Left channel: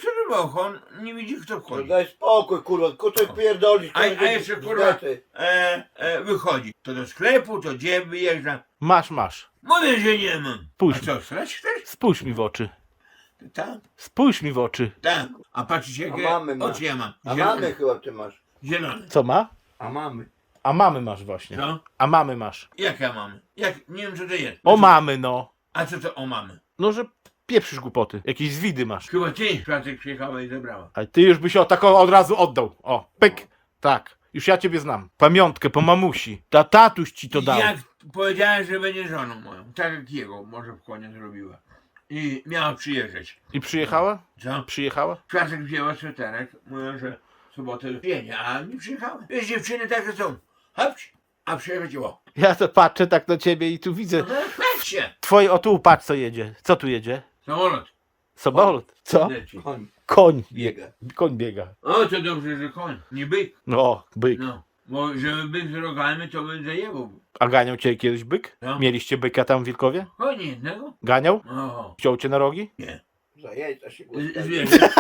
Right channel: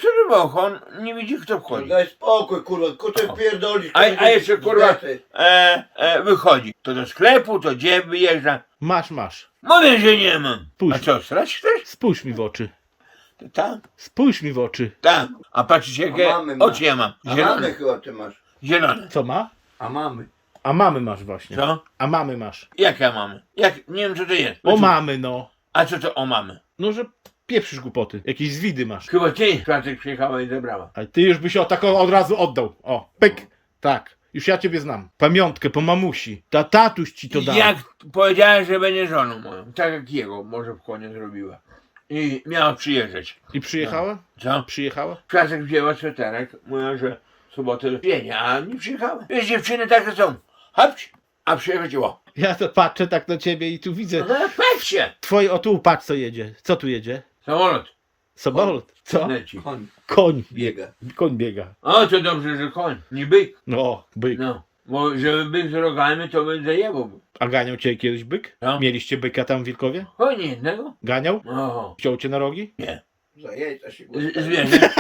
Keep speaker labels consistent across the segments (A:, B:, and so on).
A: co to było? On nie widzi, kto wchodzi.
B: Daj spokój, kurwa, kuczek pierdolisz.
A: A jeszcze kurwa wychodzi. To do sklepu, to gdzie wyjeżdża.
C: Masz.
A: Mówię, że nie mam.
C: Pójdź.
A: A co, srać chcesz?
C: Spójrz mi w oczy.
A: Tak,
C: Spójrz mi w oczy.
A: tak. A patrzysz jakie
B: A mamy ma.
A: oczy ja mam.
B: A mamy
A: Zielone.
B: chyba ty masz.
A: Zielone.
C: Co ma?
B: A mamy.
C: A mamy masz właśnie.
A: Co?
C: A mamy masz.
A: Jak ja mamy? Nie wiem co to jest.
C: O mamy no.
A: A co to o mamy?
C: No, że pieprzysz głupoty. Jakieś zwidy masz.
A: Chyba ty czwartek przyjechała i zabrała.
C: A ty już byś o taką od razu oddał. O, pyk. Tak. Już ja ciebie znam. Pamiątkę po mamusi. Tatuś ci to dał.
A: Jak powiedziałem, że będzie żoną moją. Tak jak jego może w konie zrobiła. I miała przyjeżdżać.
C: I przyjechała?
A: Co?
C: Przyjechała?
A: Czasek wzięła sweterek, mówią, że w sobotę do pienia, a nie przyjechała. Wiesz, dziewczyny takie są. Hopć, a przyjechać o.
C: Ja to patrzę tak na ciebie i tu widzę.
A: No patrzcie.
C: Twoje, o tu patrz co jedzie. Co tu jedzie?
A: Samolot
C: Samolot. Co?
A: leci.
B: Koń
C: Koń.
B: biega.
C: Koń biega.
A: O, to dobrze, że koń, nie byk.
C: No, byk.
A: No, bo żeby byk z rogami, to by zajebał.
C: A ganiał cię kiedyś byk?
A: No.
C: Mieliście byka tam w Wilkowie?
A: Koń jednego?
C: Ganiał?
A: Oho,
C: Wziął cię na rogi?
A: nie.
B: Za jajca się
A: Zwierzę.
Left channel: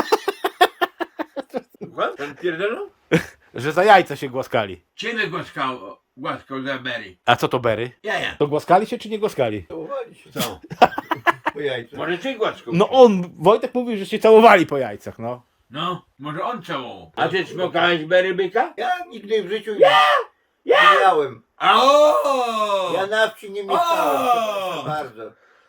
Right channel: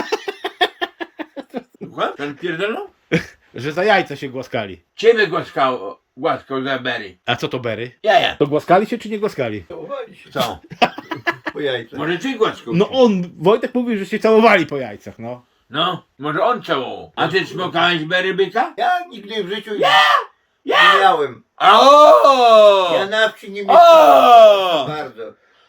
A: Słucham? Ten pierdolą?
C: Że za jajca się głaskali.
A: Ciebie głaskał za Berry.
C: A co to bery?
A: Jaja.
C: To głaskali się czy nie głaskali?
B: Całowali się
A: Co?
B: po jajcach.
A: Może ty głaskał?
C: No on, Wojtek mówił, że się całowali po jajcach, no.
A: No, może on całował. A ty smokałeś Berry byka?
B: Ja nigdy w życiu nie miałem.
A: O!
B: Ja na wsi nie
A: O!
B: mieszkałem. Bardzo.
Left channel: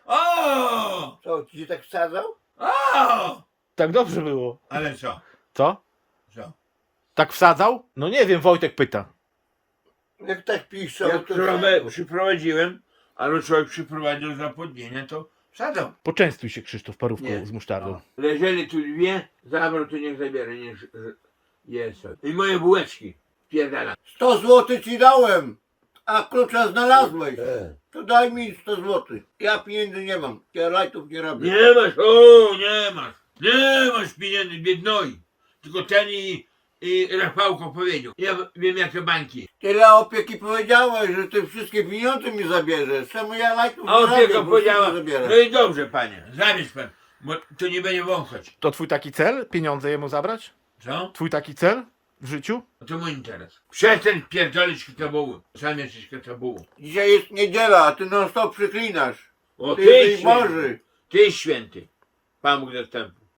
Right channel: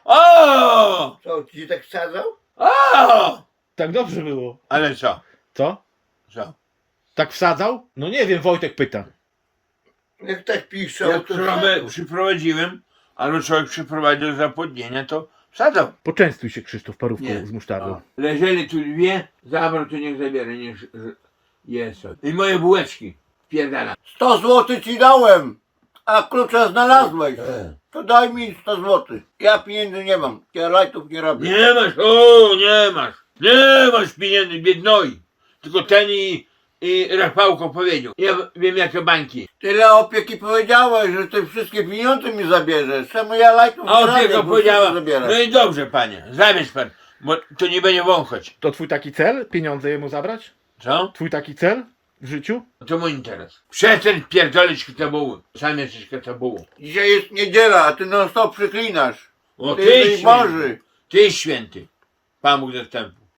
A: O!
B: Co, ci się tak wsadzał?
A: O!
C: Tak dobrze było.
A: Ale co?
C: Co?
A: Co?
C: Tak wsadzał? No nie wiem, Wojtek pyta.
B: Jak tak piszą,
A: Jak
B: to
A: przyprowadziłem, albo człowiek przyprowadził do zapłodnienia, to wsadzał.
C: Poczęstuj się Krzysztof parówką
A: Nie.
C: z musztardą.
A: O. Leżeli tu dwie, zabrał, to niech zabiera, niech jest. I moje bułeczki. Pierdala.
B: 100 zł ci dałem, a klucza znalazłeś. To daj mi 100 zł. Ja pieniędzy nie mam. Ja lajtów nie robię.
A: Nie masz, o, nie masz. Nie masz pieniędzy, biednoi. Tylko ten i Rafałko powiedział. Ja wiem jakie bańki.
B: Tyle opieki powiedziałeś, że ty wszystkie pieniądze mi zabierzesz. Czemu ja lajtów nie
A: A
B: robię,
A: opieka
B: bo
A: powiedziała,
B: wszystko zabierasz.
A: no i dobrze panie, zabierz pan, bo to nie będzie wąchać.
C: To twój taki cel? Pieniądze jemu zabrać?
A: Co?
C: Twój taki cel w życiu?
A: To mój interes. Przestań pierdolić katabuły. Sam jesteś katabułą.
B: Dzisiaj jest niedziela, a ty non stop przyklinasz.
A: O,
B: Ty jesteś
A: święty.
B: Boży.
A: Ty święty. Pan Bóg zastępny.